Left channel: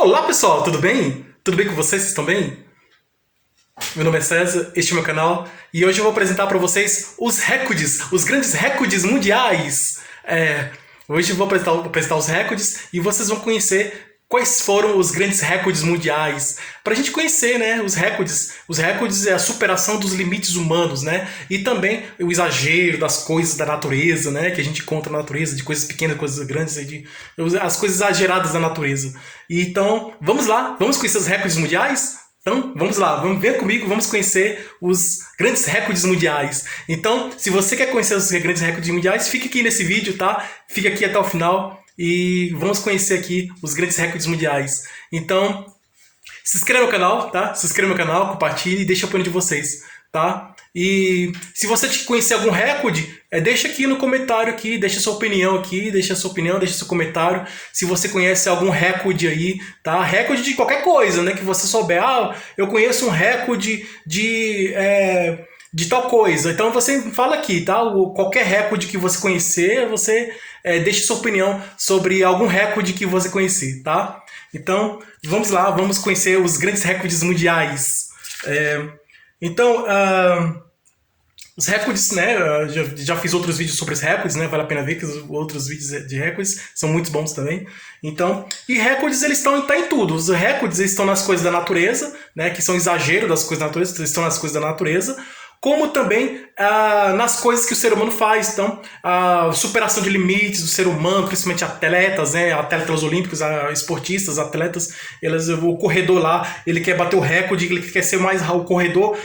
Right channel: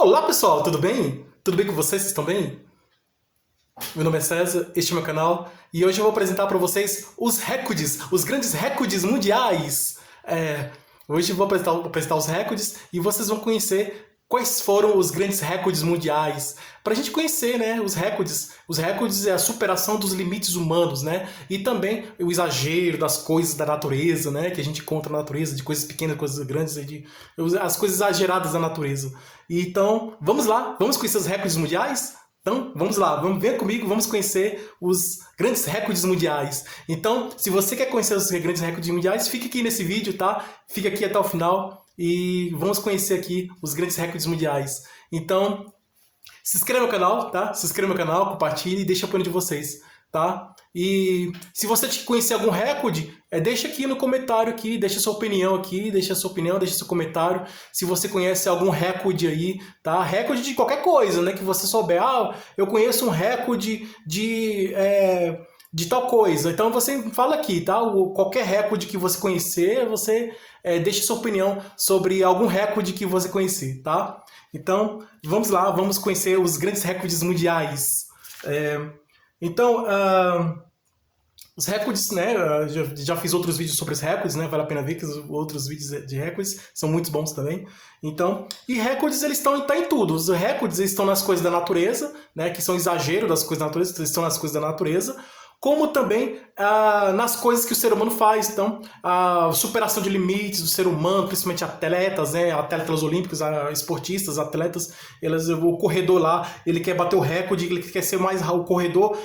Olá pessoal, tudo bem? Tudo bem com vocês? Vocês estão bem? Meu nome é César, este é o meu canal e hoje eu vou apresentar para vocês os recordes, os grandes recordes mundiais. Hoje eu vou apresentar os recordes e vocês vão conhecer quais foram os grandes recordes mundiais. Para a gente conhecer, né, os recordes é a superação dos limites humanos, né, e também o exagero das coisas da natureza, né, que a gente encontra na natureza, de coisas pequenas, coisas grandes, as coisas exageradas da natureza. Então, vamos lá, vamos conhecer os recordes mundiais? Então, vamos lá, vamos ver comigo, vamos conhecer os grandes recordes mundiais. Então, se você quer conhecer os grandes recordes mundiais, fique aqui nesse vídeo, tá? Fica aqui até o final e vamos conhecer aqui os grandes recordes mundiais. Então, se inscreva no canal, tá? Se inscreva no canal, compartilhe e deixa o opinião de vocês, tá? E se você conhecer algum recorde, deixa aqui no comentário aqui, deixa sua opinião aqui, deixa seu comentário. Se você conhece algum recorde aí, tá? Recorde de qualquer coisa, né? Que você souber. Ah, eu conheço um recorde de tal coisa. Então você fala aqui, tá? Qualquer recorde que você conhecer, você deixe sua opinião sobre algum recorde que você conhecer, tá? Então, vamos lá, vamos conhecer os grandes recordes mundiais. Então, os recordes, né? Já fiz outros vídeos sobre os recordes, né? Vale a pena ver que os outros vídeos de recordes são muito bons também. Então, e recordes eles estão em tudo. Os recordes eles estão nas coisas da natureza, né? Que são exagero das coisas da natureza, eles estão nas coisas da natureza. Como também nas coisas que o ser humano faz. Então, a superação de limites do ser humano, principalmente atletas, né? Atletas olímpicos, esportistas, atletas, o corredor lá, ele quer bater o recorde, ele quer ser mais o corredor,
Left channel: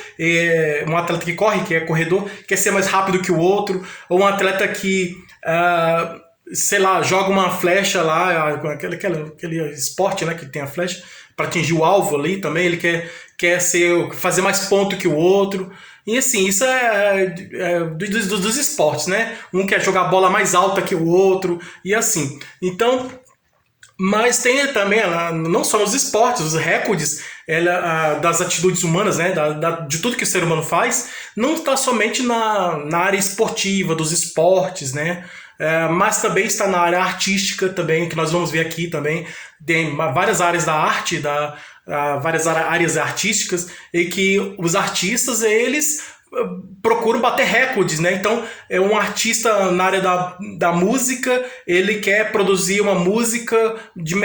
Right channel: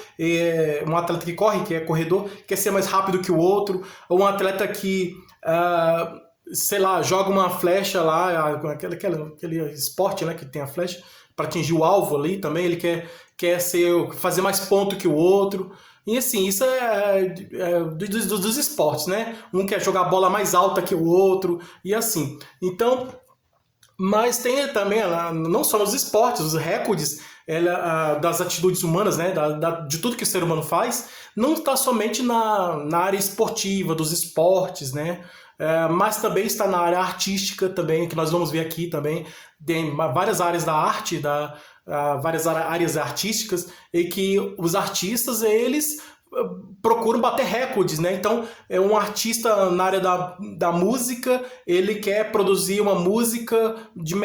um atleta que corre, que é corredor, quer ser mais rápido que o outro, ou um atleta que sei lá, joga uma flecha lá, aquele esporte, né, que tem a flecha, para atingir o alvo ali também, ele quer fazer mais ponto que o outro. E assim, isso dos esportes, né? Um quer jogar a bola mais alta que o outro, e assim. Então, mas tem também, não só nos esportes, os recordes das atitudes humanas, né? De tudo que o ser humano faz, não está somente na área esportiva, dos esportes, né? Mas também está na área artística também, que nós vamos ver aqui também. Tem várias áreas da arte, várias áreas artísticas, e que os artistas, eles procuram bater recordes, né? Então, um artista na área da música, ele quer produzir uma música de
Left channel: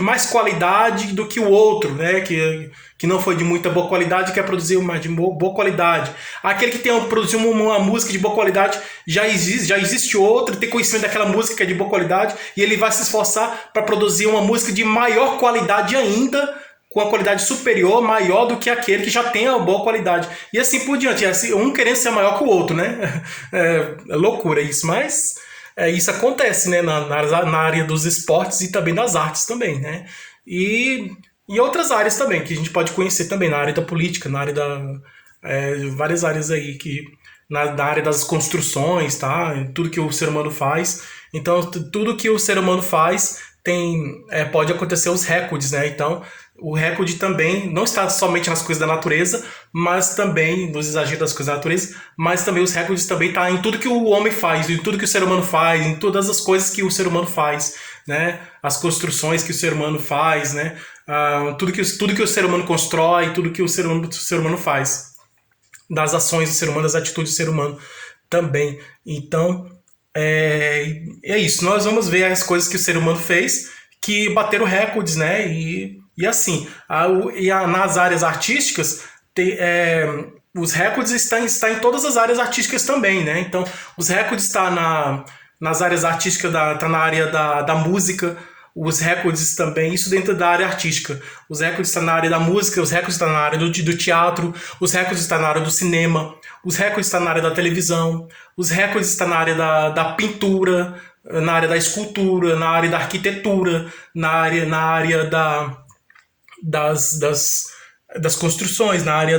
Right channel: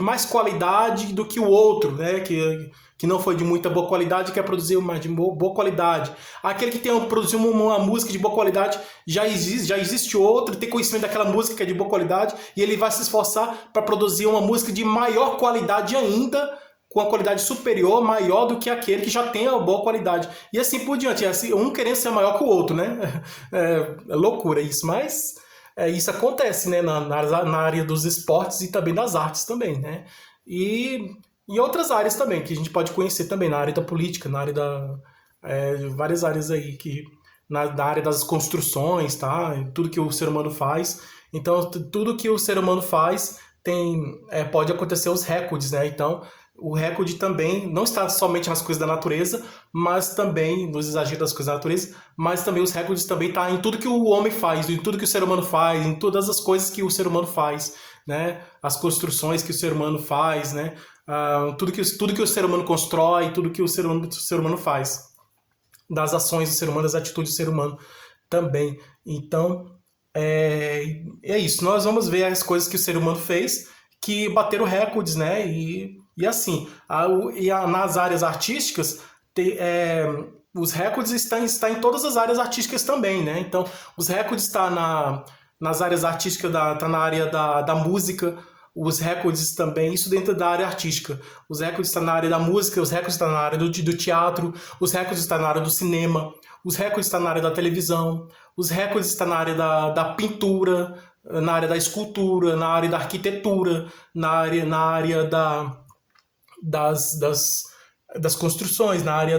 mais qualidade do que o outro, né? Que não foi de muita boa qualidade, quer produzir uma de boa qualidade. Aquele que produziu uma música de boa qualidade, já existe outro, tem conhecimento daquela música que é de boa qualidade, e ele vai se esforçar para produzir uma música de maior qualidade ainda, com a qualidade superior, maior do que aquele que já tem a boa qualidade. E assim por diante, um querendo ser maior que o outro, né? É loucura isso, mas isso acontece, né? Na área dos esportes e também das artes também, né? E outras áreas também, que a gente pode conhecer também, na área da política, na área várias áreas aí, na área das construções, tá? Tudo que o ser humano faz. Então, tudo que o ser humano faz pode acontecer os recordes, né? Então, o recorde também não está somente nas coisas da natureza, mas também nos exageros das coisas da natureza, mas também os recordes também estão em tudo que o homem faz, em tudo que o ser humano faz, em todas as coisas que o ser humano faz, né? As construções que o ser humano faz, né? Tudo que o ser humano constrói, tudo que o ser humano faz, das ações do ser humano, das atitudes do ser humano também. Então, é isso. Nós vamos ver as coisas que o ser humano fez que bateram recordes, né? E assim, nas áreas artísticas, os recordes estão em todas as áreas artísticas também, né? Então, os recordes estão nas áreas artísticas, tá na área da música, os recordes também, isso dentro da área artística. Os recordes estão na área da música, os recordes estão na área do teatro, os recordes estão na área do cinema, os recordes estão na área da televisão, os recordes estão na área da pintura, na área da escultura, na área da arquitetura, na área das construções, na área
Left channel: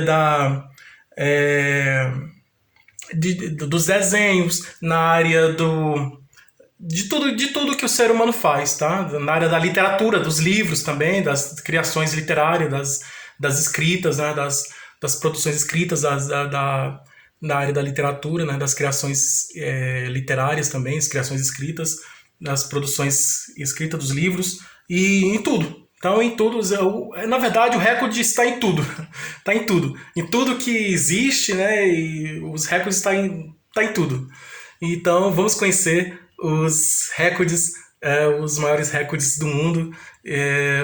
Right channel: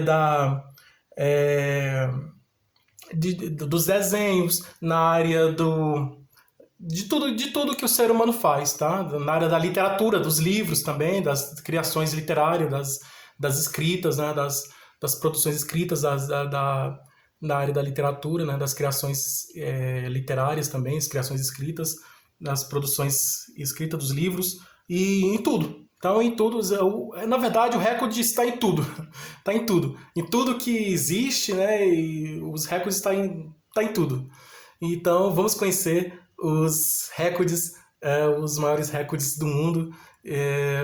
dos desenhos, na área de tudo que o ser humano faz, tá? Na área da literatura, dos livros também, das criações literárias, das escritas, né? Das produções escritas, na área da literatura, né? Das criações literárias também, as criações escritas, das produções escritas dos livros, e em tudo. Então, em tudo, na verdade, o recorde está em tudo. Está em tudo. Em tudo que existe, né? E os recordes tá em tudo. Então, vamos conhecer os recordes, os maiores recordes do mundo,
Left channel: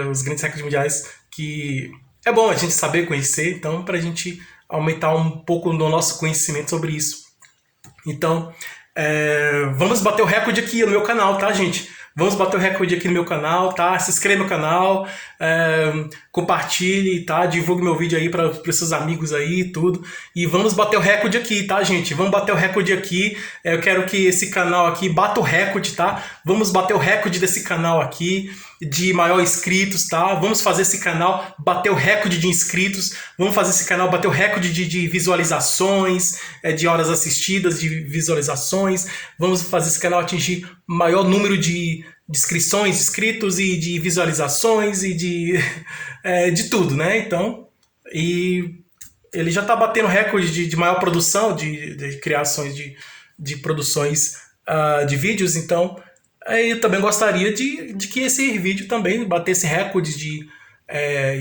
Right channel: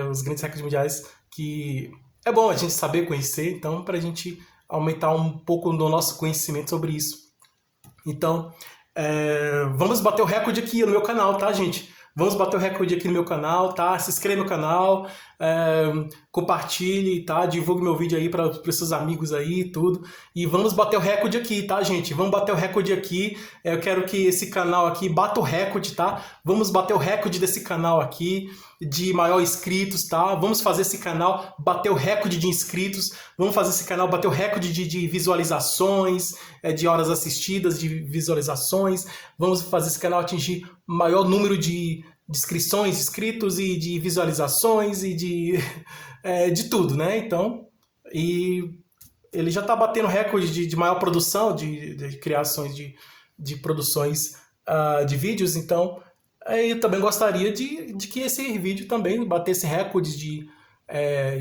os grandes recordes mundiais, que é bom a gente saber conhecer, então, para a gente aumentar um pouco do nosso conhecimento sobre isso. Então, vamos bater o recorde aqui no meu canal, tá, gente? Vamos bater o recorde aqui no meu canal, tá? Se inscreva no canal, compartilhe, tá? Divulgue meu vídeo aí para os seus amigos aí e tudo. E vamos bater o recorde aqui, tá, gente? Vamos bater o recorde aqui. Eu quero que esse canal aqui bata o recorde, tá? Vamos bater o recorde desse canal aqui de maior inscritos, tá? Vamos fazer esse canal bater o recorde de inscritos. Vamos fazer esse canal bater o recorde de visualizações, de horas assistidas, de visualizações. Vamos fazer esse canal atingir maior número de inscrições, inscritos e de visualizações e de tudo, né? Então, e ele já está batendo recorde de maior produção, de criações, de produções de vídeos, então eu também gostaria de que esse vídeo também batesse recorde de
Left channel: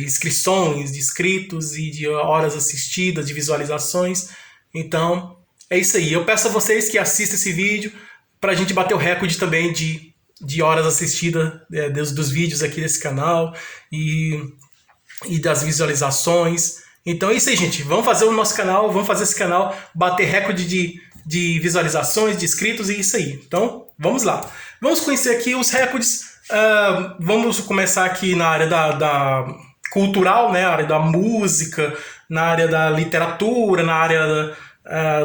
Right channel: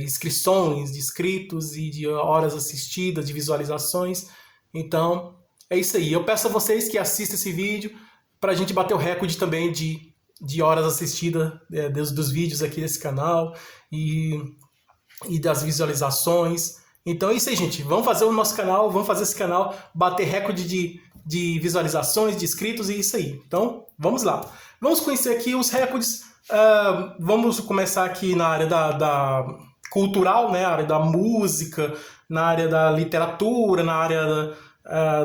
inscrições, de inscritos e de horas assistidas, de visualizações. Então, é isso aí. Eu peço a vocês que assistam esse vídeo para a gente bater o recorde também de horas assistidas dos vídeos aqui desse canal e das visualizações. Então é isso aí, gente. Vamos fazer o nosso canal, vamos fazer esse canal bater recorde de visualizações, de inscritos e isso aí. Então, vamos lá. Vamos conhecer aqui os recordes. Vamos começar aqui na área da cultural, né? Na área da música, na área da literatura, na área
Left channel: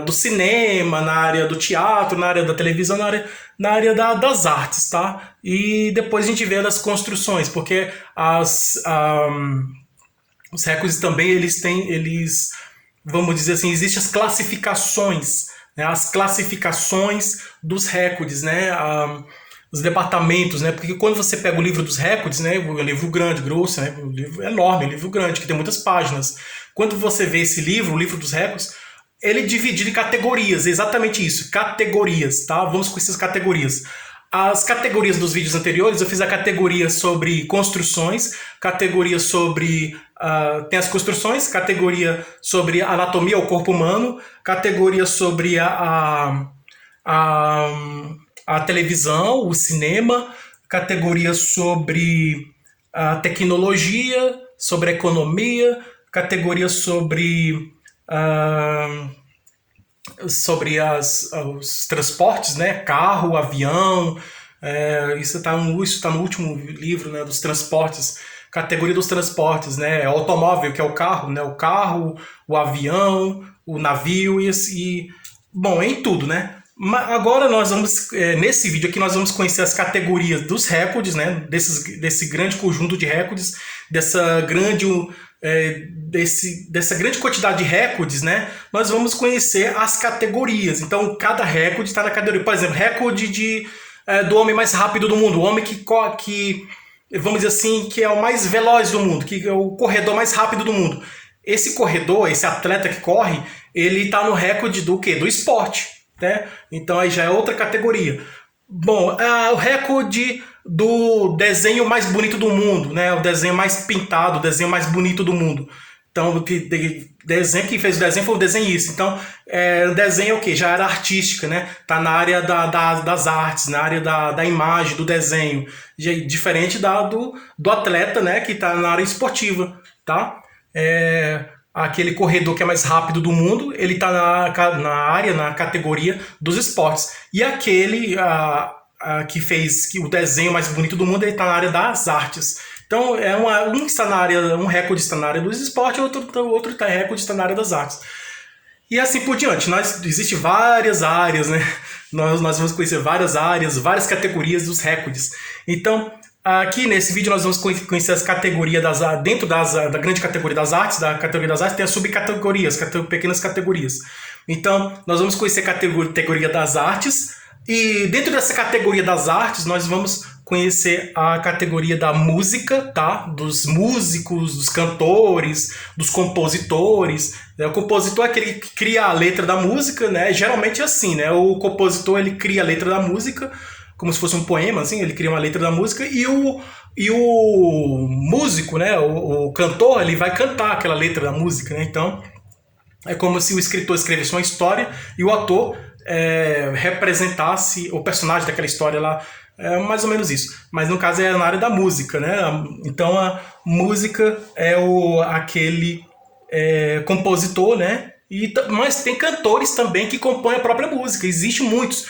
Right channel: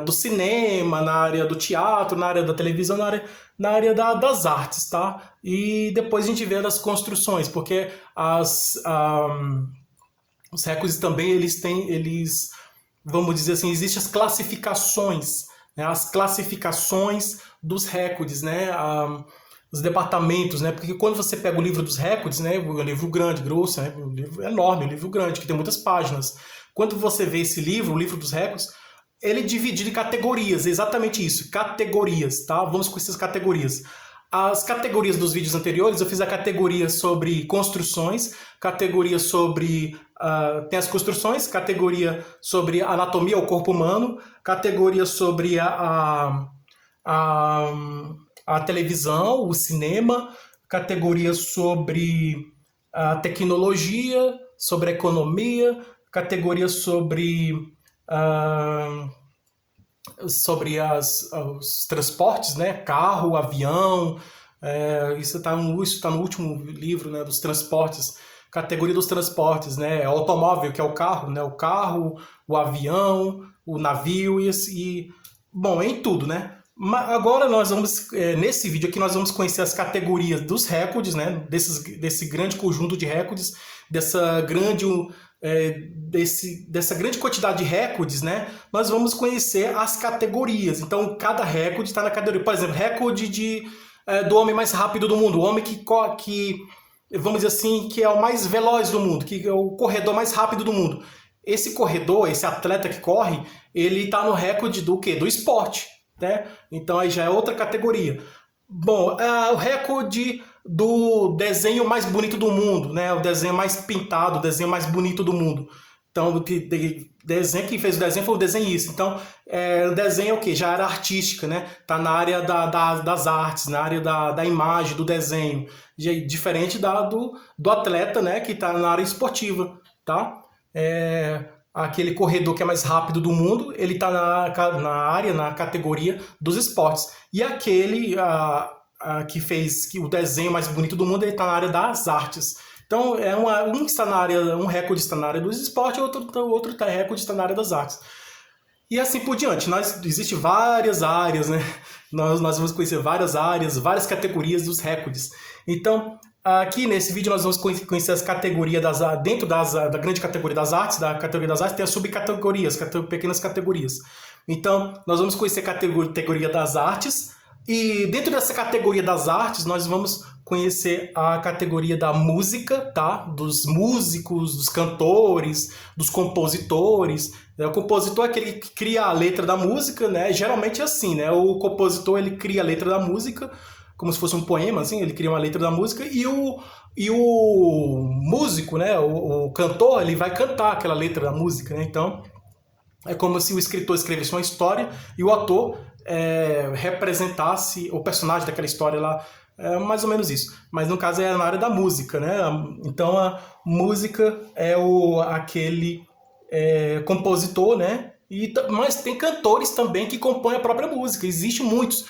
do cinema, na área do teatro, na área da televisão, na área das artes, tá? E depois a gente vê das construções, porque os recordes também, eles, vamos dizer assim, existem as classificações, né? As classificações dos recordes, né? Os departamentos, né? Porque quando você pega o livro dos recordes, né? Um livro grande, grosso, né? Um livro enorme, um livro grande, que tem muitas páginas. Quando você vê esse livro, o livro dos recordes, ele é dividido em categorias, é exatamente isso, categorias, tá? Vamos com essas categorias. As categorias dos vídeos anteriores, eu fiz a categoria sobre construções, categoria sobre... tem as construções, categoria sobre anatomia, o corpo humano, categoria sobre a televisão, o cinema, categoria sobre a tecnologia, sobre a economia, categoria sobre os transportes, né? Carro, avião, isso está no último livro, né? Dos transportes, categoria dos transportes, né? O automóvel, que é o carro, né? O carro, o avião, o navio bom, é em tudo, né? Agora nós vamos, nesse vídeo aqui, nós vamos conhecer as categorias dos recordes, né? Desse grande conjunto de recordes, dessa grande quantidade de recordes, né? Nós vamos conhecer as categorias. Então, cada recorde está na categoria. Por exemplo, recorde do homem mais rápido do mundo, o homem que vamos dizer assim, que é o mais veloz do mundo, que é o corredor mais rápido do mundo. Esse corredor, esse atleta que corre, ele está no recorde do quê? Do esporte, né? Então aí já é outra categoria. Bom, o recorde do desenho mais bonito do mundo, né? O desenho mais pintado, o desenho mais bonito do mundo. Então, quem fez o desenho foi o desenhista. Então, o desenho é o quê? Já era artística, né? Tá na área das artes, na área da imagem, do desenho. Diferente do atleta, né? Que tá na área esportiva, tá? Aquele corredor que é mais rápido do mundo, ele tá na categoria dos esportes. E aquele que fez o desenho mais bonito do mundo, ele tá na área das artes. Então, um está na área, um recorde está na área dos esportes, outro recorde está na área das artes. E assim por diante. Existem várias áreas, né? Nós vamos conhecer várias áreas, várias categorias dos recordes. Então, aqui nesse vídeo nós vamos conhecer as categorias dentro da grande categoria das artes. Da categoria das artes tem as subcategorias, pequenas categorias. Então, nós vamos conhecer a categoria das artes. E dentro dessa categoria das artes, nós vamos conhecer a categoria da música, tá? Dos músicos, dos cantores, dos compositores. O compositor é aquele que cria a letra da música, né? Geralmente é assim, né? O compositor, ele cria a letra da música, como se fosse um poema, assim, ele cria uma letra da música e o músico, né, o cantor, ele vai cantar aquela letra da música, né? Então é como se o escritor escrevesse uma história e o ator representasse o personagem daquela história lá. É mais ou menos isso. Mas no caso é na área da música, né? Então a música é aquele compositor, né? Mas tem cantores também que compõem a própria música. Existem muitos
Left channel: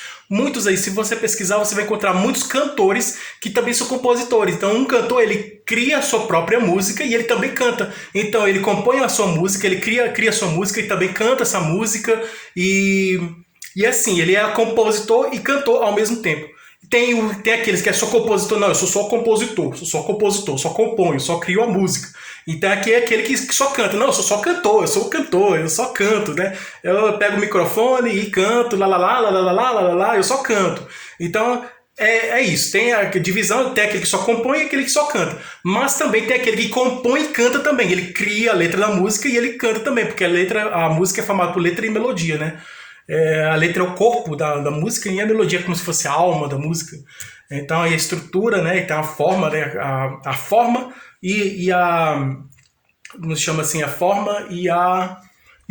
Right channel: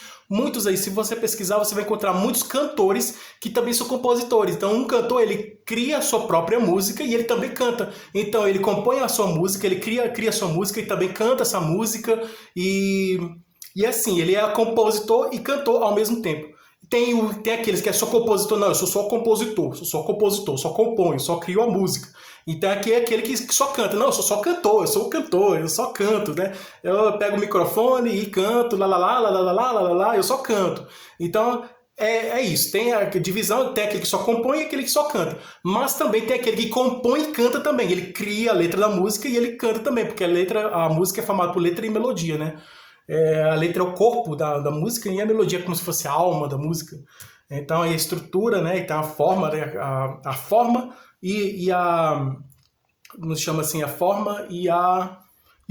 aí. Se você pesquisar, você vai encontrar muitos cantores que também são compositores. Então um cantor, ele cria a sua própria música e ele também canta. Então ele compõe a sua música, ele cria a sua música e também canta essa música. E assim, ele é compositor e cantor ao mesmo tempo. Tem aqueles que é só compositor. Não, eu sou só compositor, só componho, só crio a música. Então aqui é aquele que só canta. Não, eu sou só cantor, eu sou cantor, eu só canto, né? Eu pego o microfone e canto, lá, lá, lá, lá, lá, lá, lá, lá, lá, eu só canto. Então é isso. Tem a divisão, tem aquele que só compõe e aquele que só canta. Mas também tem aquele que compõe e canta também. Ele cria a letra da música e ele canta também, porque a música é formada por letra e melodia, né? A letra é o corpo da música e a melodia é como se fosse a alma da música. Então, a estrutura, né? E tem a forma, né? A forma e a... Como se chama assim? A forma e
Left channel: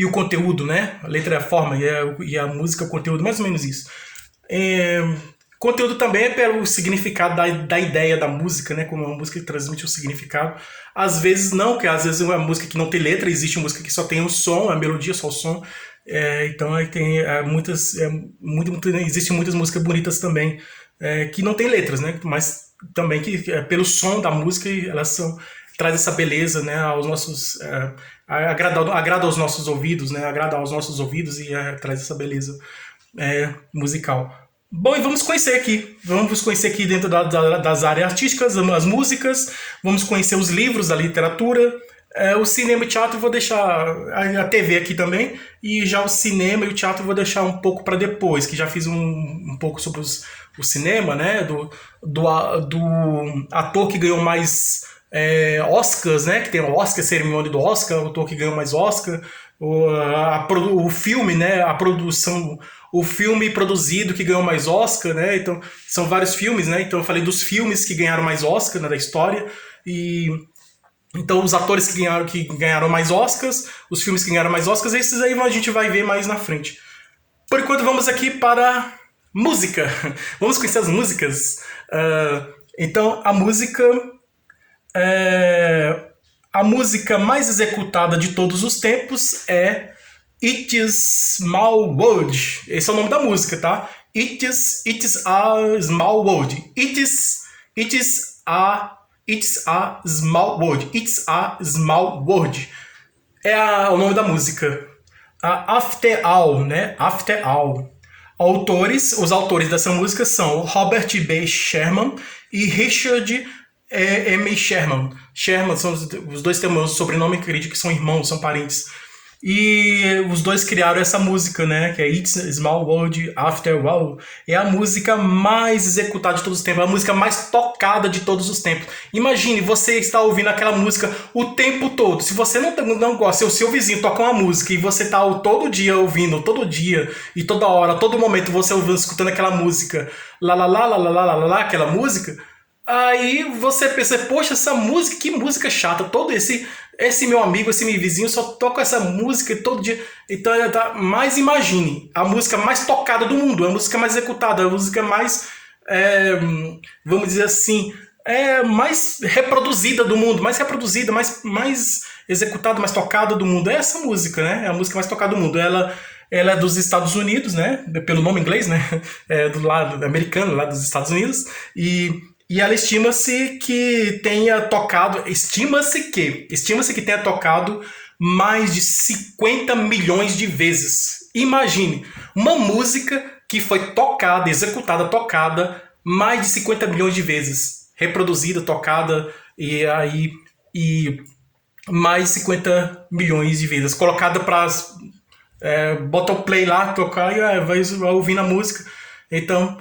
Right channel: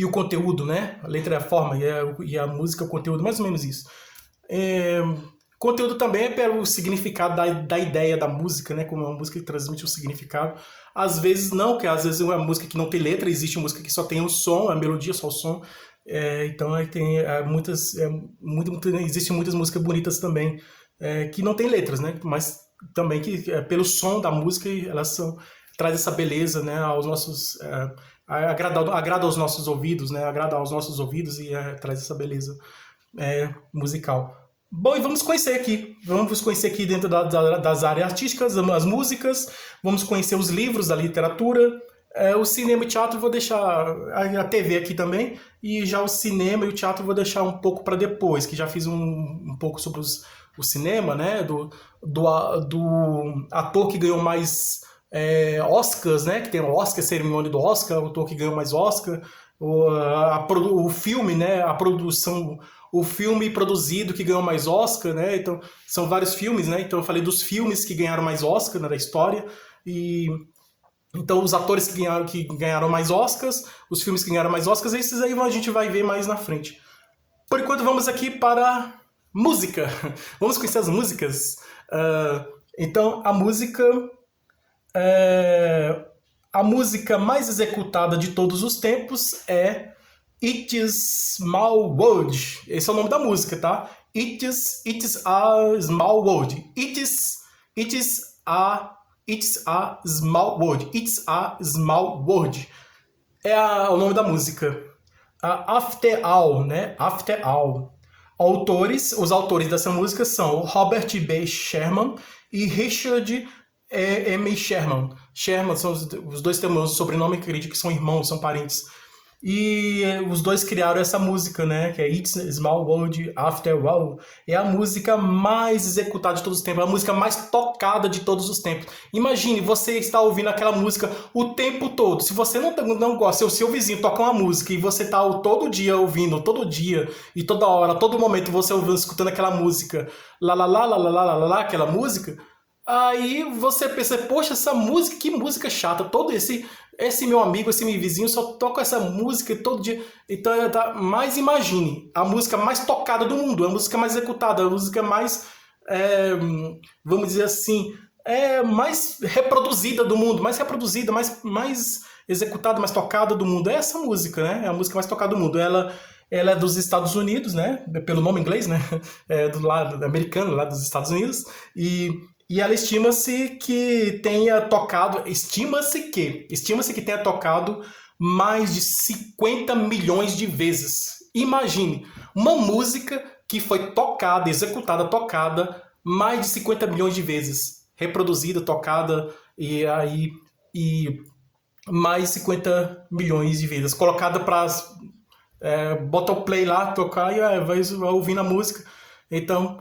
o conteúdo, né? A letra é a forma e a música é o conteúdo, mais ou menos isso. Conteúdo também é pelo significado da ideia da música, né? Como uma música que transmite um significado. Às vezes não, porque às vezes é uma música que não tem letra, existe música que só tem o som, a melodia, só o som. Então tem existem muitas músicas bonitas também que não tem letras, né? Mas também que pelo som da música traz essa beleza, né? Aos nossos agrada aos nossos ouvidos, né? Agrada aos nossos ouvidos e traz essa beleza musical. Bom, e vamos conhecer aqui dentro das áreas artísticas, as músicas, vamos conhecer os livros da literatura. O cinema e o teatro eu vou deixar a TV aqui também, e já o cinema e o teatro eu vou deixar um pouco para depois, que já fiz um pouco sobre o cinema, né, do ator que ganhou mais Oscars, né, que tem o Oscar, cerimônia do Oscar, o ator que ganhou mais Oscar, o filme, né, a produção, o filme produzido que ganhou mais Oscar, né, então são vários filmes, né, então eu falei dos filmes que ganharam mais Oscar, né, da história, então, os atores que ganharam mais Oscars, os filmes que ganharam mais Oscars, esses aí a gente vai ver mais na frente. Por enquanto, vamos aqui para música. Vamos conhecer as músicas. Então, a música mais executada de todos os tempos é It Is Small World. Esse é o nome da música, tá? It is a small world. It's a small world. It's a small world. O nome da música. After All, né? After All. Os autores dessa música são Robert B. Sherman e Richard M. Sherman. Sherman, os dois têm o meu sobrenome, acredito que são irmãos, são parentes. E os dois criaram essa música, né? Que é It's a Small World After All. É a música mais executada de todos os tempos, a música mais tocada de todos os tempos. Imagine, você está ouvindo aquela música o tempo todo. Se você não gosta, se o seu vizinho toca uma música e você está todo dia ouvindo, todo dia e toda hora, todo momento você ouvindo, escutando aquela música, lá, lá, lá, lá, lá, lá, lá, lá, aquela música, aí você pensa, poxa, essa música, que música chata, todo esse meu amigo, esse meu vizinho só toca essa música todo dia. Então, mas imagine, a música mais tocada do mundo, a música mais executada, a música mais, vamos dizer assim, mais reproduzida do mundo, mais reproduzida, mais executada, mais tocada do mundo. É essa música, né? É a música mais tocada do mundo. Ela é dos Estados Unidos, né? Pelo nome inglês, né? Do lado americano, lá dos Estados Unidos. E ela estima-se que tenha tocado tenha tocado mais de 50 milhões de vezes. Imagine, uma música que foi tocada mais de 50 milhões de vezes. Reproduzida, tocada, e mais de 50 milhões de vezes. Colocada para... bota o play lá, tocar e vai ouvindo a música. Então...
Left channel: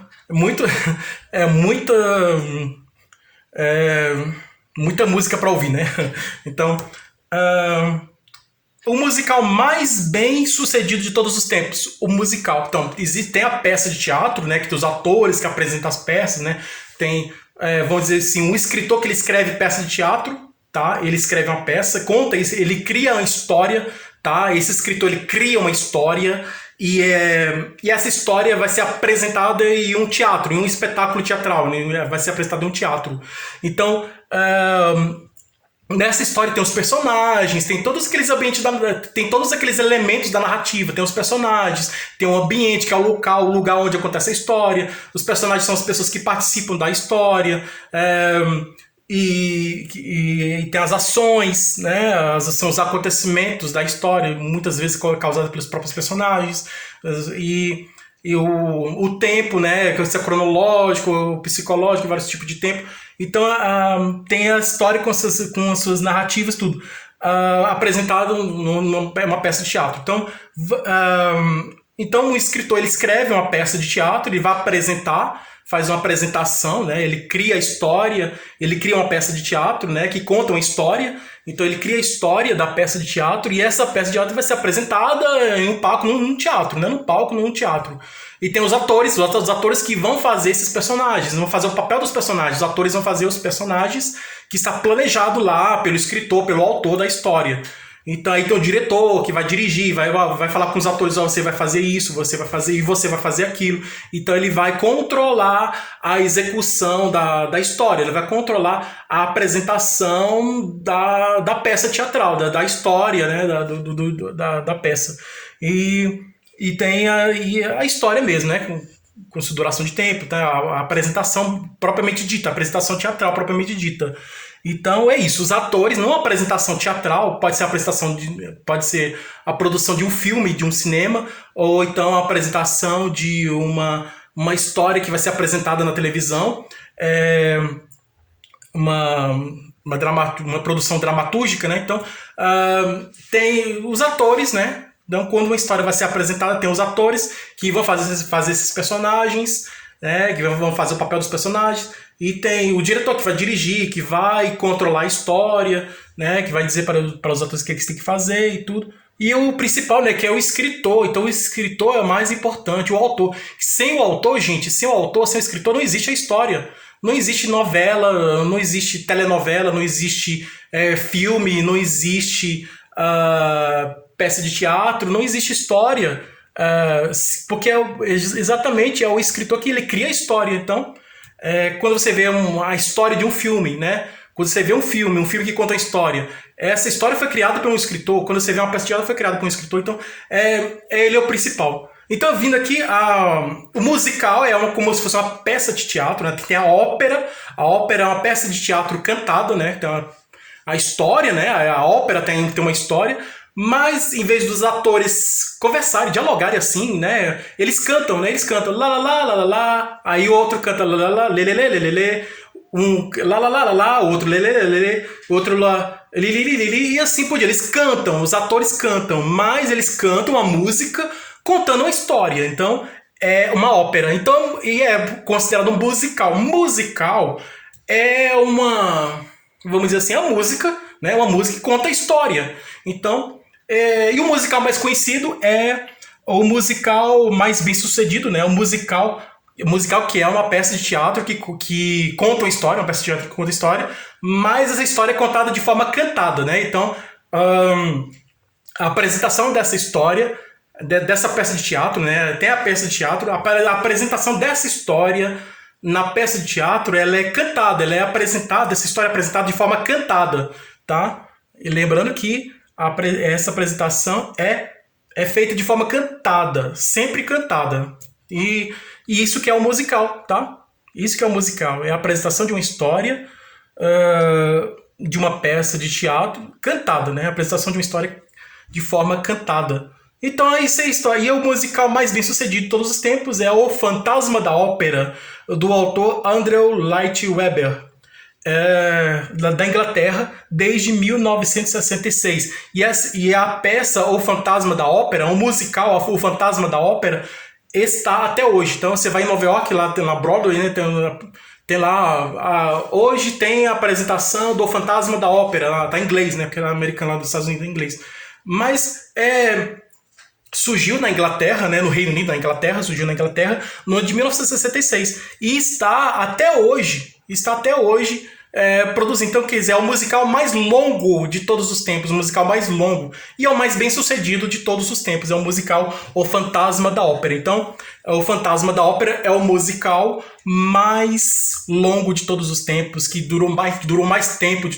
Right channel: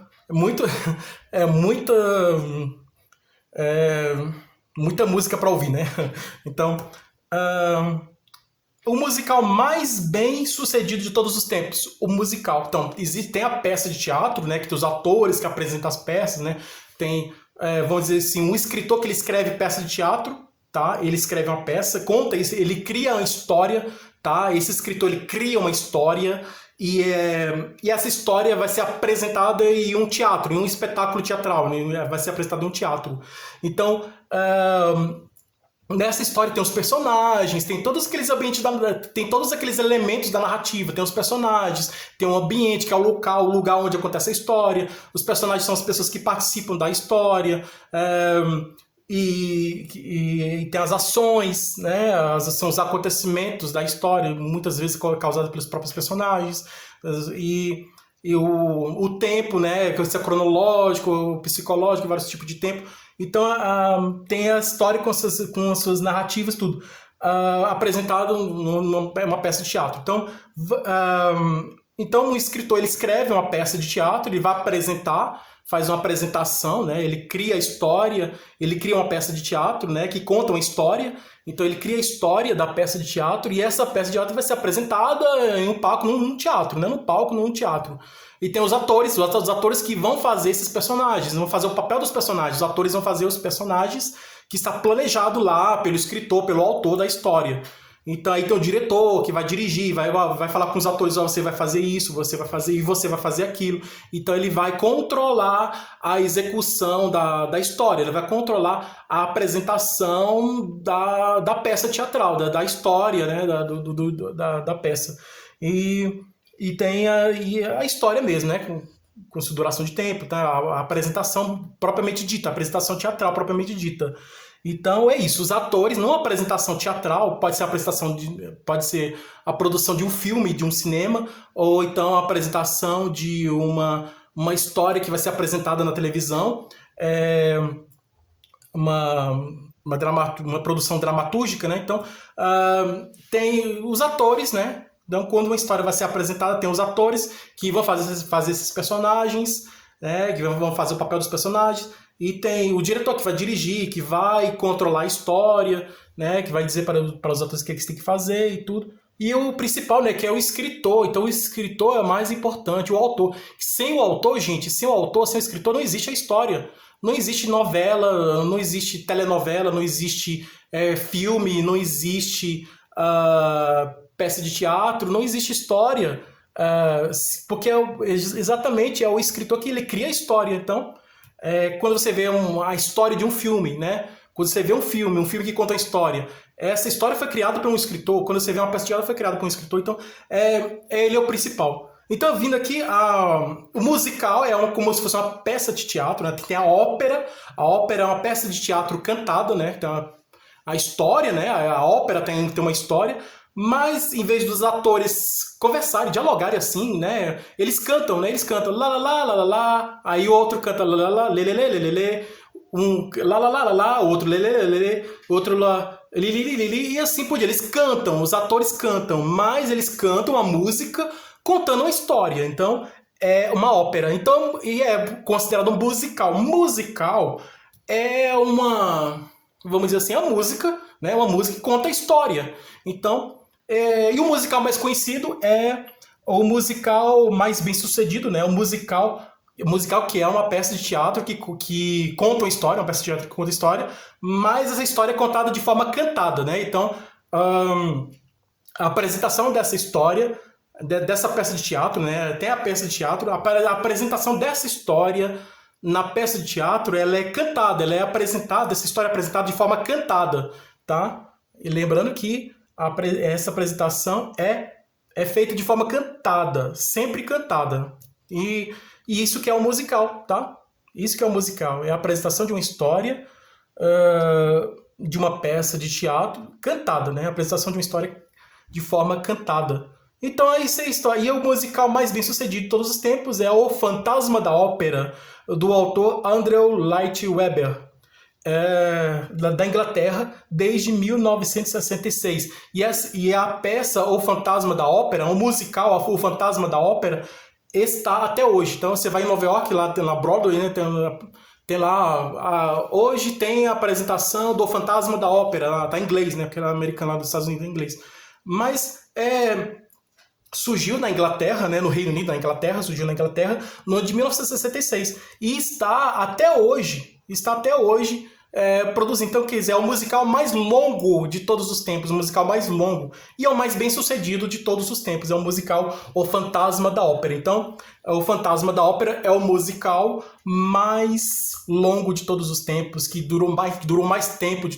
muita música para ouvir, né? Então, o musical mais bem sucedido de todos os tempos, o musical. Então, tem a peça de teatro, né, que tem os atores que apresentam as peças, né, tem, vamos dizer assim, um escritor que ele escreve peça de teatro, tá, ele escreve uma peça, conta isso, ele cria uma história, tá, esse escritor ele cria uma história e essa história vai ser apresentada em um teatro, em um espetáculo teatral, né, vai ser apresentada em um teatro. Então, nessa história tem os personagens, tem todos aqueles ambientes, tem todos aqueles elementos da narrativa, tem os personagens, tem o ambiente, que é o lugar onde acontece a história, os personagens são as pessoas que participam da história, e tem as ações, né? São os acontecimentos da história, muitas vezes causados pelos próprios personagens, e o tempo, né? Que é cronológico, o psicológico, vários tipos de tempo. Então tem a história com as suas narrativas, tudo apresentado numa peça de teatro. Então o escritor ele escreve uma peça de teatro, ele vai apresentar, faz uma apresentação, né? Ele cria a história, ele cria uma peça de teatro, né? Que conta uma história. Então ele cria a história da peça de teatro e essa peça de teatro vai ser apresentada em um palco, num teatro, né? No palco, num teatro. E tem os atores que vão fazer esses personagens, vão fazer o papel dos personagens. Os atores vão fazer os personagens que está planejado lá pelo escritor, pelo autor da história. Então aí tem o diretor que vai dirigir, vai falar com os atores, você vai fazer isso, você vai fazer e você vai fazer aquilo. Então ele vai controlar a execução da história, ele vai controlar a apresentação da peça teatral, da história, né, da peça. E tem a história mesmo, né, com sua duração de tempo, tá? A apresentação propriamente dita, a apresentação teatral propriamente dita. Então é isso, os atores, não a apresentação teatral, pode ser a produção de um filme, de um cinema, ou então a apresentação de uma história que vai ser apresentada na televisão, uma produção dramatúrgica, né? Então tem os atores, né? Então quando uma história vai ser apresentada, tem os atores que vão fazer esses personagens, né? Que vão fazer o papel dos personagens. E tem o diretor que vai dirigir, que vai controlar a história, né? Que vai dizer para os atores o que eles têm que fazer e tudo. E o principal, né? Que é o escritor. Então o escritor é o mais importante, o autor. Sem o autor, gente, sem o escritor, não existe a história. Não existe novela, não existe telenovela, não existe filme, não existe peça de teatro, não existe história. Porque exatamente é o escritor que ele cria a história. Então, quando você vê a história de um filme, né? Quando você vê um filme que conta a história, essa história foi criada por um escritor. Quando você vê uma peça de teatro, foi criada por um escritor. Então, ele é o principal. Então, vindo aqui, o musical é como se fosse uma peça de teatro, né? Tem a ópera. A ópera é uma peça de teatro cantada, né? Tem a história, né? A ópera tem uma história. Mas, em vez dos atores conversarem, dialogarem assim, né? Eles cantam, né? Eles cantam lá, lá, lá, lá, lá, lá. Aí o outro canta lá, lá, lá, lê, lê, lê, lê, lê, lê. Um lá, lá, lá, lá, lá. O outro lê, lê, lê, lê, lê. Outro lá, li, li, li, li, li. E assim por diante. Eles cantam, os atores cantam. Mas eles cantam a música contando uma história. Então, é uma ópera. Então, e é considerado um musical. Musical é vamos dizer assim, a música, né? Uma música que conta a história. Então, e o musical mais conhecido é o musical mais bem sucedido, né? O musical que é uma peça de teatro que conta uma história, uma peça de teatro que conta a história, mas essa história é contada de forma cantada, né? Então, a apresentação dessa história, dessa peça de teatro, né? Tem a peça de teatro, a apresentação dessa história na peça de teatro, ela é cantada, ela é apresentada, essa história é apresentada de forma cantada, tá? E lembrando que essa apresentação é feita de forma cantada, sempre cantada. E isso que é o musical, tá? Isso que é o musical, é a apresentação de uma história, de uma peça de teatro cantada, né? A apresentação de uma história de forma cantada. Então isso é a história. E o musical mais bem sucedido de todos os tempos é O Fantasma da Ópera, do autor Andrew Lloyd Webber. Da Inglaterra desde 1966 e a peça O Fantasma da Ópera, o musical O Fantasma da Ópera está até hoje. Então você vai em Nova York, lá na Broadway, né, tem lá hoje tem a apresentação do Fantasma da Ópera, tá em inglês, né, porque é americano lá dos Estados Unidos é em inglês. mas surgiu na Inglaterra, né, no Reino Unido, na Inglaterra, surgiu na Inglaterra no ano de 1966 e está até hoje produzindo. Então, quer dizer, é o musical mais longo de todos os tempos, o musical mais longo e é o mais bem sucedido de todos os tempos. É o musical O Fantasma da Ópera. Então, O Fantasma da Ópera é o musical mais longo de todos os tempos, que durou mais tempo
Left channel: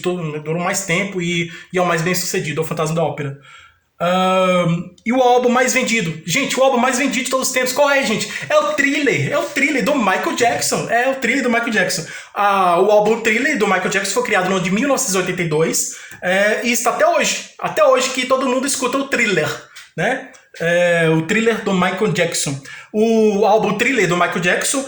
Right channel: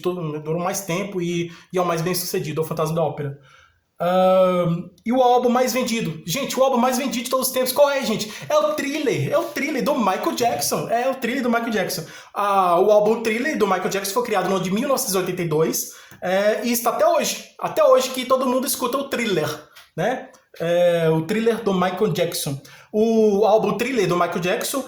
e é o mais bem sucedido, O Fantasma da Ópera. E o álbum mais vendido. Gente, o álbum mais vendido de todos os tempos, qual é, gente? É o Thriller do Michael Jackson. É o Thriller do Michael Jackson. O álbum Thriller do Michael Jackson foi criado no ano de 1982 e está até hoje. Até hoje que todo mundo escuta o Thriller, né? O Thriller do Michael Jackson. O álbum Thriller do Michael Jackson,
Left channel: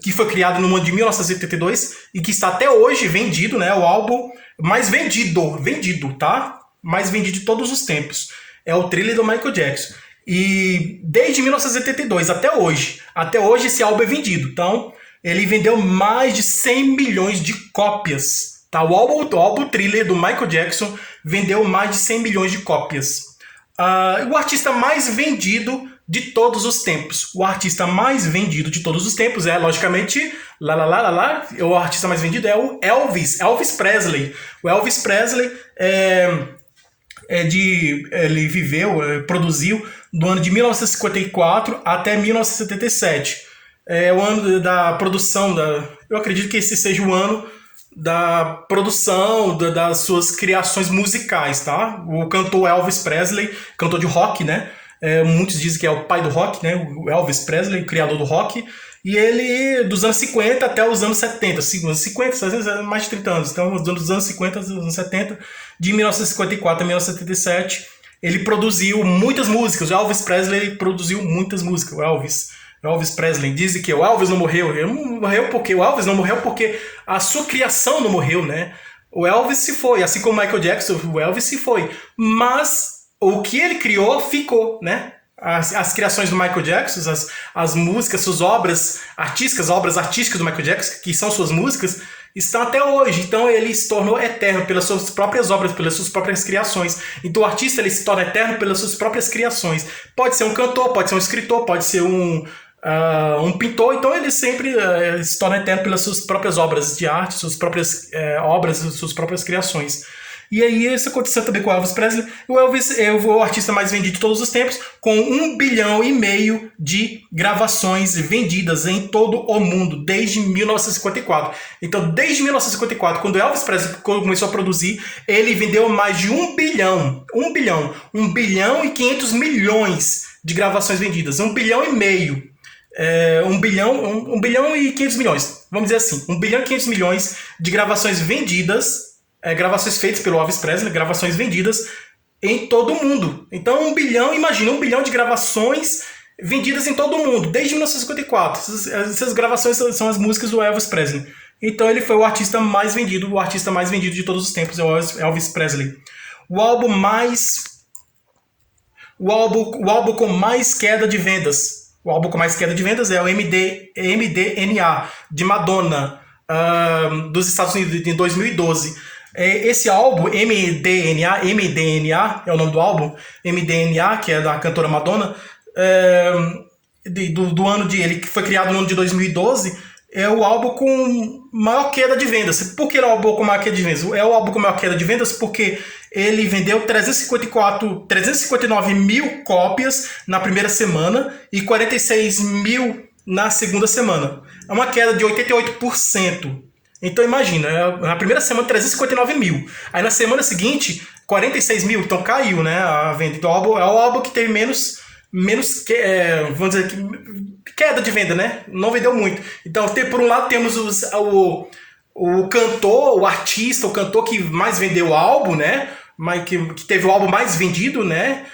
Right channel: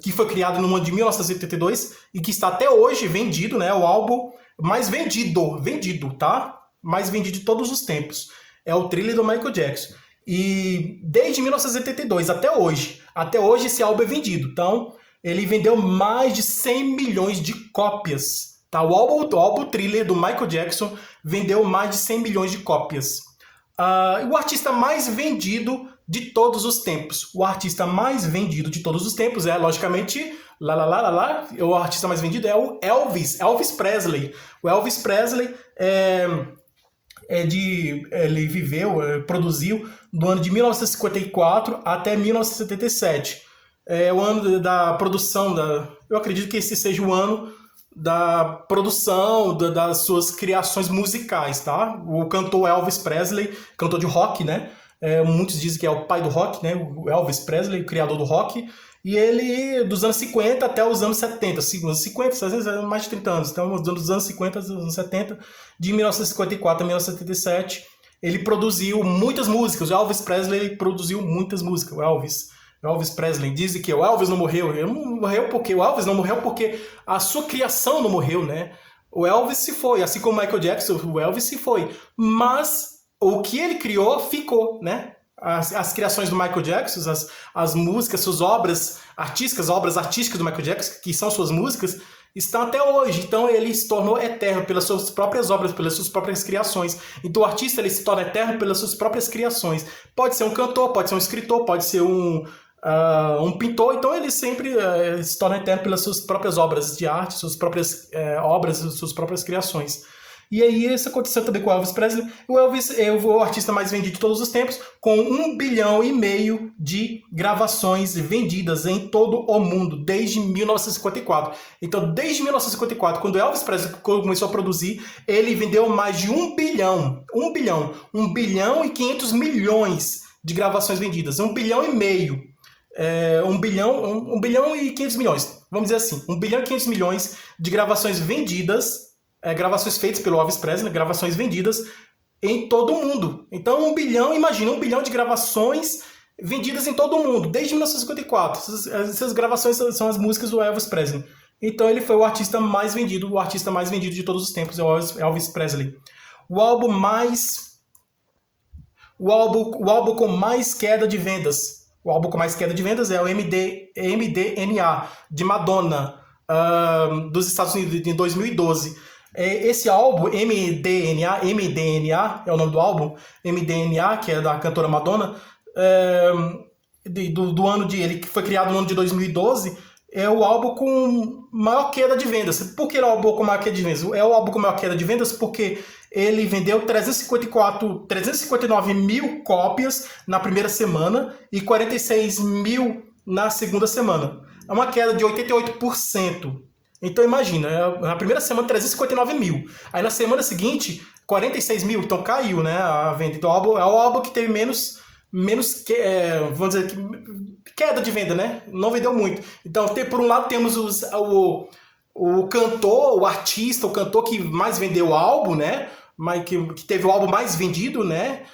que foi criado no ano de 1982 e que está até hoje vendido, né? O álbum mais vendido, tá? Mais vendido de todos os tempos. É o Thriller do Michael Jackson. E desde 1982 até hoje esse álbum é vendido. Então, ele vendeu mais de 100 milhões de cópias. Tá? O álbum Thriller do Michael Jackson vendeu mais de 100 milhões de cópias. O artista mais vendido de todos os tempos. O artista mais vendido de todos os tempos logicamente, o artista mais vendido é o Elvis Presley. O Elvis Presley ele produziu do ano de 1954 até 1977. É o ano da produção, eu acredito que esse seja o ano da produção das suas criações musicais, tá? O cantor Elvis Presley, cantor de rock, né? Muitos dizem que é o pai do rock, né? O Elvis Presley, o criador do rock. E ele, dos anos 50 até os anos 70, anos 50, às vezes mais de 30 anos, então dos anos 50 aos anos 70, de 1954 a 1977, ele produziu muitas músicas. O Elvis Presley produziu muitas músicas. O Elvis Presley dizem que o Elvis não morreu. O Elvis não morreu porque a sua criação não morreu, né? O Elvis se foi, assim como o Michael Jackson, o Elvis se foi. Mas o que ele criou ficou, né? As criações do Michael Jackson, as músicas, suas obras artísticas do Michael Jackson, que são suas músicas, estão até hoje. Então ele se tornou eterno pelas suas próprias obras, pelas suas próprias criações. Então o artista ele se torna eterno pelas suas próprias criações. Pode ser um cantor, pode ser um escritor, pode ser um pintor. Então ele sempre se torna eterno pelas suas próprias obras de arte, suas próprias obras, suas próprias criações. E aí isso aconteceu também com o Elvis Presley. O Elvis é o artista mais vendido de todos os tempos, com 1,5 bilhão de gravações vendidas em todo o mundo, desde 1954. Então, desde 1954, quando o Elvis Presley começou a produzir, ele vendeu mais de 1 bilhão e 500 milhões de gravações vendidas. 1,5 bilhão. 1 bilhão e 500 milhões. Vamos dizer assim, 1 bilhão e 500 milhões de gravações vendidas, gravações feitas pelo Elvis Presley, gravações vendidas em todo o mundo. Então, 1 bilhão de gravações vendidas em todo o mundo, desde 1954. Essas gravações são as músicas do Elvis Presley. Então, ele foi o artista mais vendido de todos os tempos, é o Elvis Presley. O álbum com mais queda de vendas. O álbum com mais queda de vendas é o MDNA, de Madonna, dos Estados Unidos, em 2012. Esse álbum, MDNA é o nome do álbum, MDNA, que é da cantora Madonna, do ano ele que foi criado no ano de 2012, é o álbum com maior queda de vendas. Por que é o álbum com maior queda de vendas? É o álbum com maior queda de vendas porque ele vendeu 359 mil cópias na primeira semana e 46 mil na segunda semana. É uma queda de 88%. Então imagina, na primeira semana 359 mil. Aí na semana seguinte, 46 mil. Então caiu, né, a venda. Então é o álbum que teve menos vamos dizer, queda de venda, né? Não vendeu muito. Então, por um lado, temos o cantor, o artista, o cantor que mais vendeu o álbum, né? Que teve o álbum mais vendido, né?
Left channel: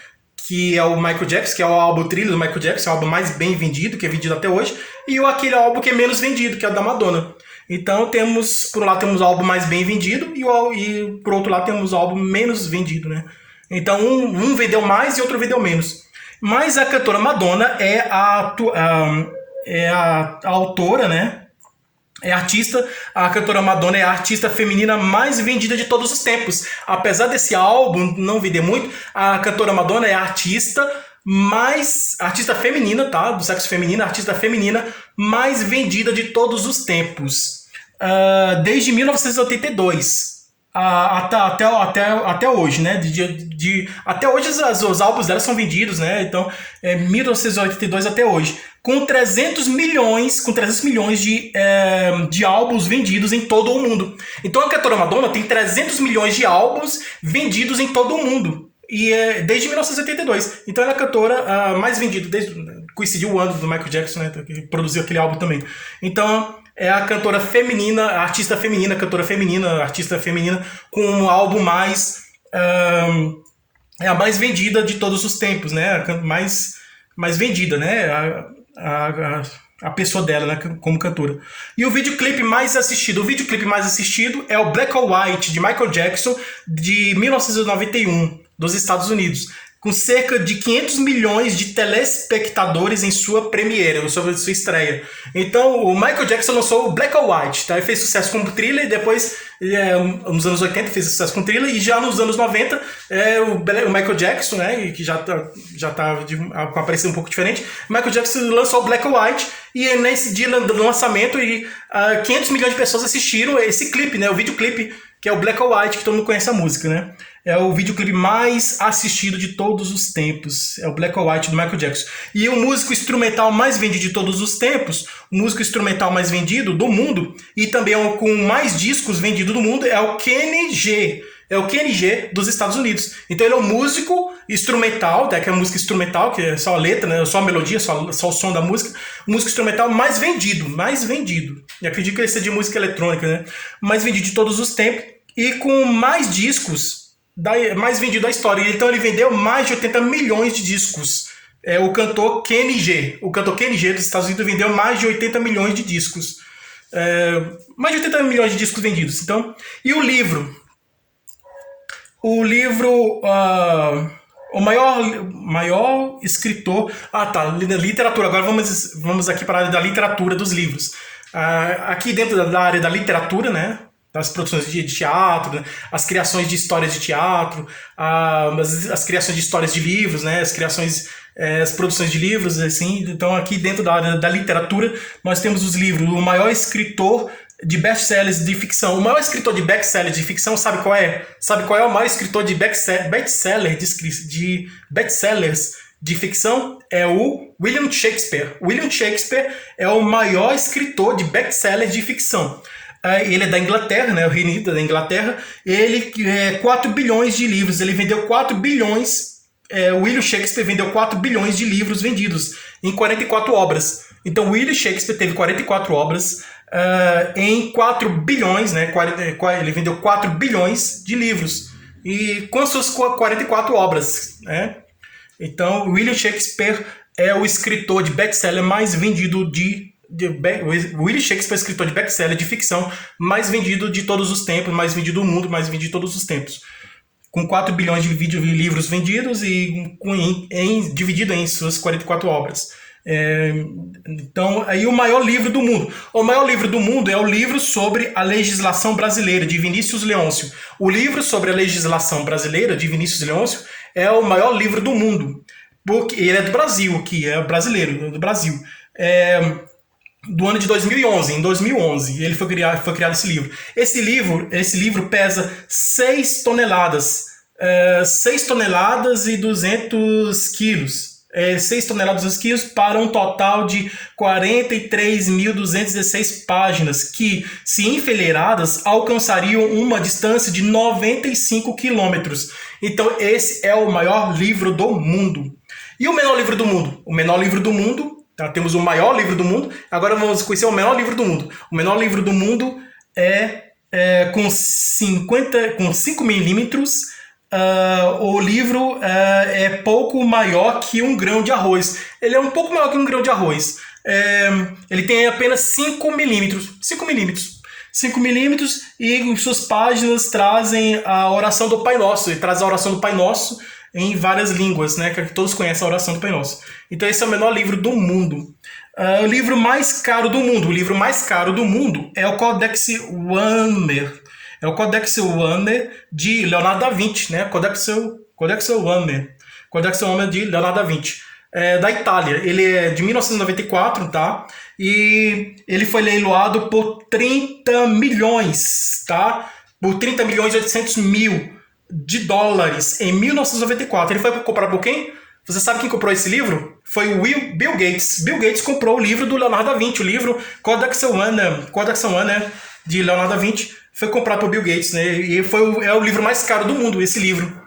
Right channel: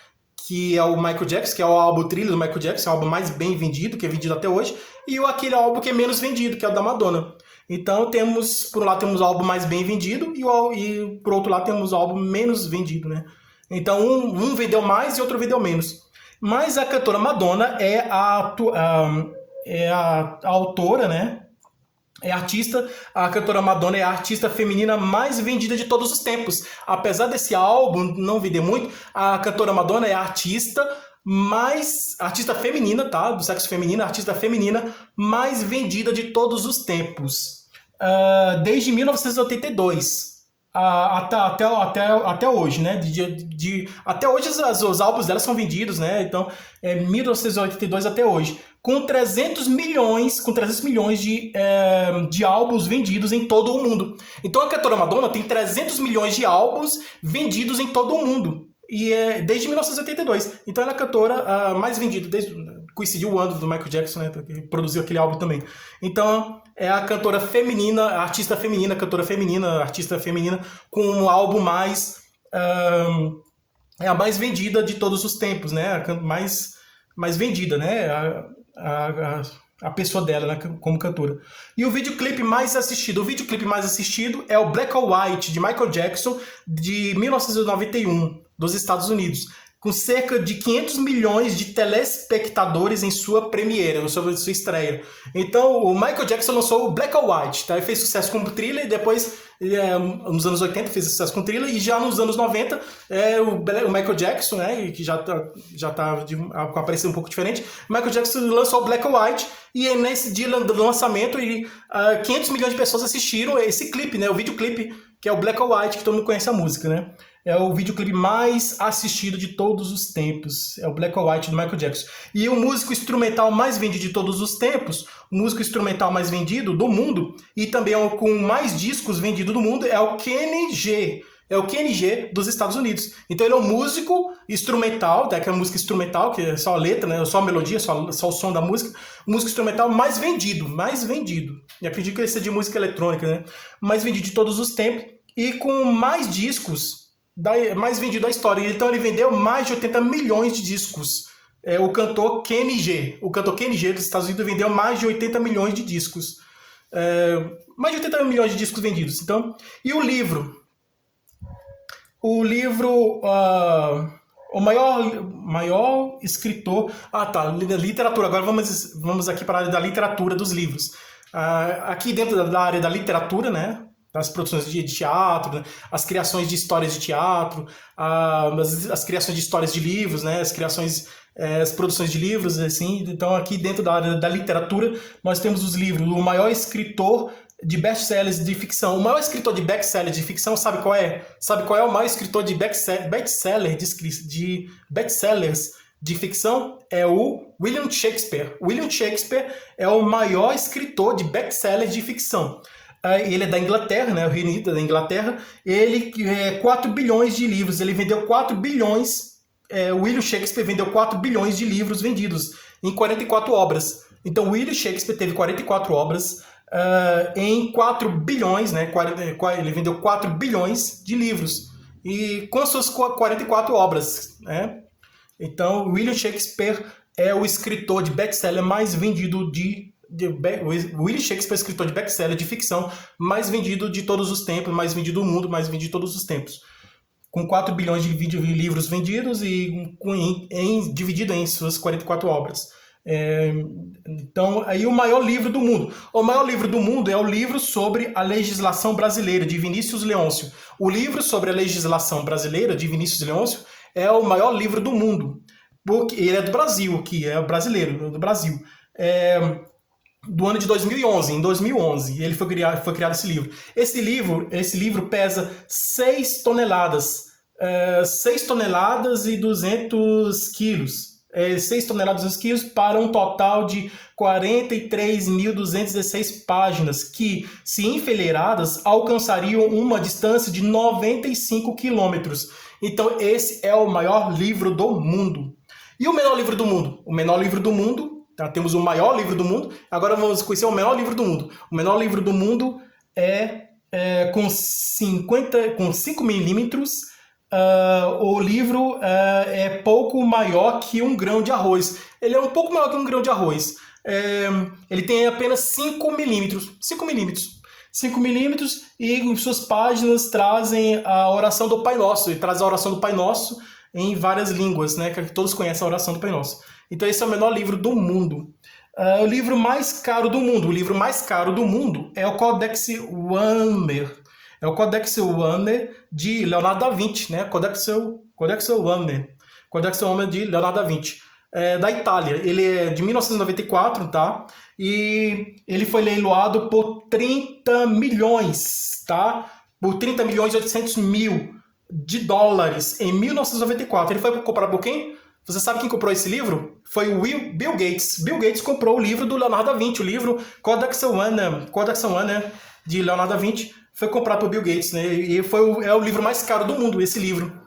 Que é o Michael Jackson, que é o álbum Thriller do Michael Jackson, é o álbum mais bem vendido, que é vendido até hoje. E aquele álbum que é menos vendido, que é o da Madonna. Então, por um lado, temos o álbum mais bem vendido e por outro lado, temos o álbum menos vendido, né? Então, um vendeu mais e outro vendeu menos. Mas a cantora Madonna é a autora, né? A cantora Madonna é a artista feminina mais vendida de todos os tempos. Apesar desse álbum não vender muito, a cantora Madonna é a artista feminina, tá? Do sexo feminino, a artista feminina mais vendida de todos os tempos. Desde 1982. Até hoje, né? Até hoje os álbuns dela são vendidos, né? Então, 1982 até hoje. Com 300 milhões de álbuns vendidos em todo o mundo. Então a cantora Madonna tem 300 milhões de álbuns vendidos em todo o mundo. E desde 1982. Então ela é a cantora mais vendida, coincidiu o ano do Michael Jackson, né? Que produziu aquele álbum também. Então é a cantora feminina, a artista feminina, cantora feminina, artista feminina com um álbum é a mais vendida de todos os tempos, né? A mais vendida, né? A pessoa dela, né, como cantora. E o videoclipe mais assistido é o Black or White, de Michael Jackson, de 1991, dos Estados Unidos, com cerca de 500 milhões de telespectadores em sua premiere, em sua estreia. Então, o Michael Jackson lançou o Black or White, tá? Ele fez sucesso com o Thriller, e depois, nos anos 80, fez sucesso com o Thriller, e já nos anos 90, o Michael Jackson, né, que já tá com a aparência um pouco diferente, o Michael Jackson lançou o Black or White, e nesse dia do lançamento, 500 milhões de pessoas assistiram esse clipe, né, o videoclipe, que é o Black or White, que todo mundo conhece a música, né? É o videoclipe mais assistido de todos os tempos. É o Black or White do Michael Jackson. E o músico instrumental mais vendido de todos os tempos, o músico instrumental mais vendido do mundo, e também com mais discos vendidos do mundo, é o Kenny G. É o Kenny G dos Estados Unidos. Então ele é um músico instrumental, que é a música instrumental, que é só a letra, né? Só a melodia, só o som da música. O músico instrumental mais vendido. E acredito que ele seja de música eletrônica, né? Mais vendido de todos os tempos. E com mais discos, mais vendido da história. Então ele vendeu mais de 80 milhões de discos. O cantor Kenny G. O cantor Kenny G dos Estados Unidos vendeu mais de 80 milhões de discos. Mais de 80 milhões de discos vendidos. Então, e o livro? O maior escritor... literatura. Agora vamos aqui para a área da literatura dos livros. Aqui dentro da área da literatura, né? As produções de teatro, né? As criações de histórias de teatro, as criações de histórias de livros, né? As produções de livros, assim. Então, aqui dentro da área da literatura, nós temos os livros. O maior escritor de best-sellers de ficção. O maior escritor de best-sellers de ficção, sabe qual é? Sabe qual é o maior escritor de best-sellers de ficção? É o William Shakespeare. William Shakespeare é o maior escritor de best-sellers de ficção. Ele é da Inglaterra, né, o Reino Unido da Inglaterra. Ele 4 bilhões de livros. Ele vendeu 4 bilhões. William Shakespeare vendeu 4 bilhões de livros vendidos em 44 obras. Então, William Shakespeare teve 44 obras em 4 bilhões, né? Ele vendeu 4 bilhões de livros e com suas 44 obras, né? Então, William Shakespeare é o escritor de best-seller mais vendido William Shakespeare é o escritor de best-seller de ficção mais vendido de todos os tempos, mais vendido do mundo, mais vendido de todos os tempos. Com 4 bilhões de livros vendidos e dividido em suas 44 obras. Então, aí o maior livro do mundo. O maior livro do mundo é o livro sobre a legislação brasileira, de Vinícius Leôncio. O livro sobre a legislação brasileira, de Vinícius Leôncio, é o maior livro do mundo. Porque ele é do Brasil, que é brasileiro, do Brasil. Do ano de 2011. Em 2011 ele foi criado esse livro. Esse livro pesa 6 toneladas. 6 toneladas e 200 quilos. 6 toneladas e 200 quilos para um total de 43.216 páginas que, se enfileiradas, alcançariam uma distância de 95 quilômetros. Então esse é o maior livro do mundo. E o menor livro do mundo? O menor livro do mundo... Temos o maior livro do mundo, agora vamos conhecer o menor livro do mundo. O menor livro do mundo com 5 milímetros. O livro é pouco maior que um grão de arroz. Ele é um pouco maior que um grão de arroz. Ele tem apenas 5 milímetros. 5 milímetros e em suas páginas trazem a oração do Pai Nosso. Ele traz a oração do Pai Nosso em várias línguas, né? Que todos conhecem a oração do Pai Nosso. Então esse é o menor livro do mundo. O livro mais caro do mundo. O livro mais caro do mundo é o Codex Warner. É o Codex Warner de Leonardo da Vinci, né? Codex Warner. Codex Warner de Leonardo da Vinci. É da Itália. Ele é de 1994, tá? E ele foi leiloado por 30 milhões, tá? Por 30 milhões e 800 mil de dólares em 1994. Ele foi comprado por quem? Você sabe quem comprou esse livro? Foi o Bill Gates. Bill Gates comprou o livro do Leonardo da Vinci, o livro Codex Warner de Leonardo da Vinci. Foi comprado por Bill Gates, né? E é o livro mais caro do mundo, esse livro.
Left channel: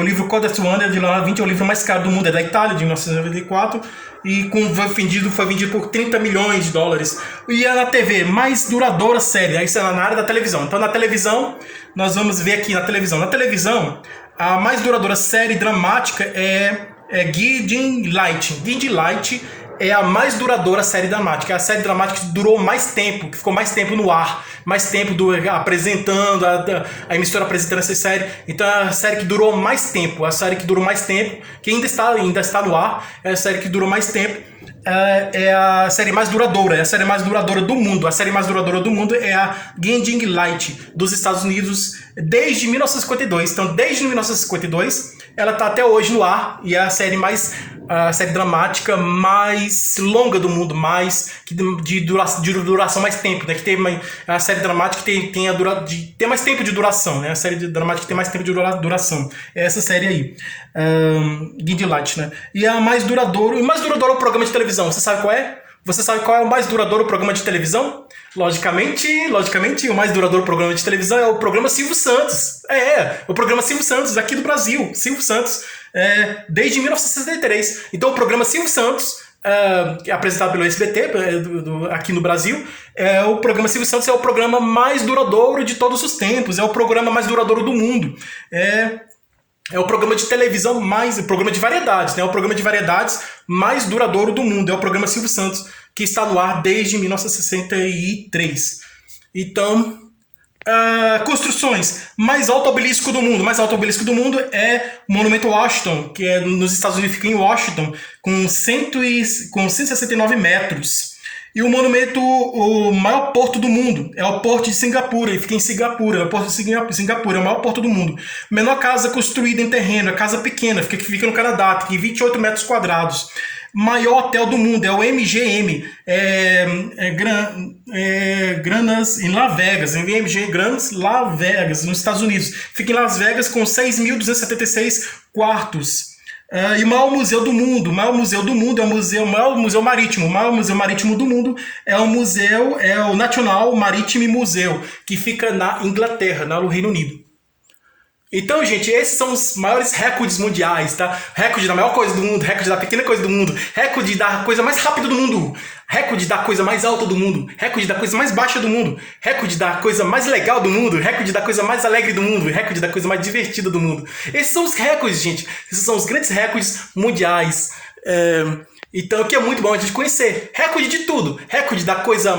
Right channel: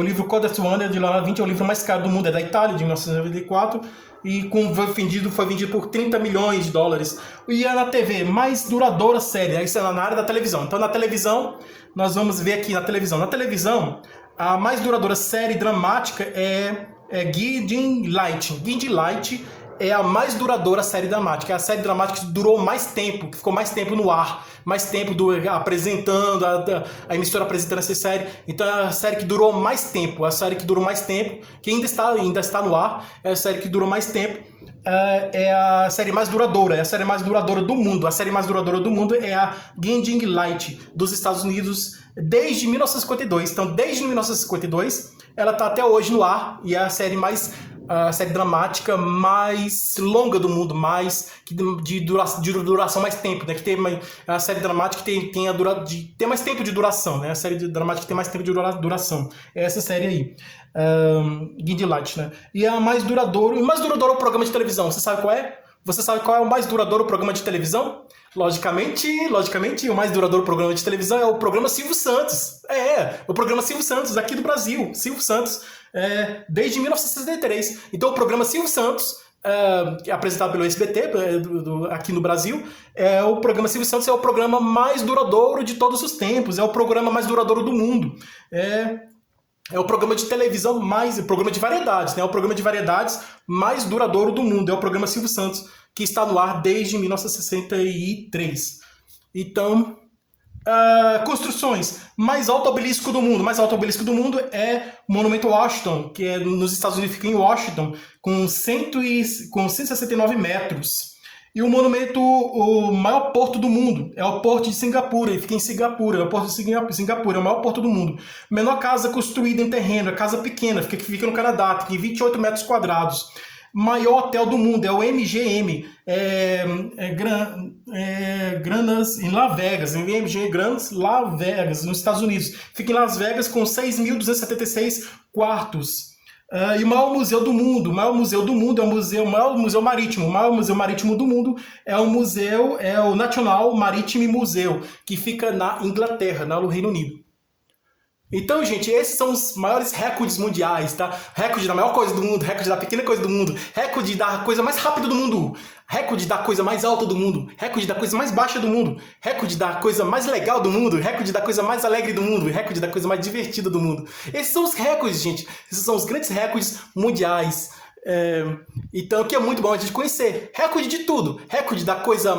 O livro Codex Warner de Leonardo da Vinci é o livro mais caro do mundo, é da Itália, de 1994. E foi vendido por 30 milhões de dólares. E é na TV, mais duradoura série, isso é na área da televisão. Então na televisão, nós vamos ver aqui na televisão. Na televisão, a mais duradoura série dramática é Guiding Light. Guiding Light é a mais duradoura série dramática. É a série dramática que durou mais tempo, que ficou mais tempo no ar. Mais tempo apresentando, a emissora apresentando essa série. Então é a série que durou mais tempo. A série que durou mais tempo, que ainda está no ar, é a série que durou mais tempo. É a série mais duradoura, é a série mais duradoura do mundo. A série mais duradoura do mundo é a Guiding Light, dos Estados Unidos, desde 1952. Então, desde 1952, ela está até hoje no ar e é a série dramática mais longa do mundo, de duração mais tempo, né? Que tem a série dramática que tem mais tempo de duração, né? A série dramática que tem mais tempo de duração. É essa série aí. Guiding Light, né? E a mais duradouro. O mais duradouro é o programa de televisão. Você sabe qual é? Você sabe qual é o mais duradouro programa de televisão? Logicamente, o mais duradouro programa de televisão é o programa Silvio Santos. O programa Silvio Santos, aqui do Brasil. Silvio Santos, desde 1963. Então, o programa Silvio Santos, apresentado pelo SBT, aqui no Brasil, o programa Silvio Santos é o programa mais duradouro de todos os tempos. É o programa mais duradouro do mundo. É o programa de televisão o programa de variedades, né? É o programa de variedades mais duradouro do mundo. É o programa Silvio Santos, que está no ar desde 1963. Então, construções. Mais alto obelisco do mundo. Mais alto obelisco do mundo é o Monumento Washington, que é nos Estados Unidos, fica em Washington, com 169 metros. E o monumento, o maior porto do mundo, é o Porto de Singapura, ele fica em Singapura, é o Porto de Singapura, é o maior porto do mundo. Menor casa construída em terreno, é casa pequena, que fica no Canadá, tem 28 metros quadrados. Maior hotel do mundo é o MGM, Granas em Las Vegas, MGM Granas Las Vegas, nos Estados Unidos. Fica em Las Vegas com 6.276 quartos. E o maior museu do mundo, é o maior museu marítimo. O maior museu marítimo do mundo é o National Maritime Museum, que fica na Inglaterra, no Reino Unido. Então, gente, esses são os maiores recordes mundiais, tá? Recorde da maior coisa do mundo, recorde da pequena coisa do mundo, recorde da coisa mais rápida do mundo, recorde da coisa mais alta do mundo, recorde da coisa mais baixa do mundo, recorde da coisa mais legal do mundo, recorde da coisa mais alegre do mundo, recorde da coisa mais divertida do mundo. Esses são os recordes, gente. Esses são os grandes recordes mundiais. Então, que é muito bom a gente conhecer. Recorde de tudo. Recorde da coisa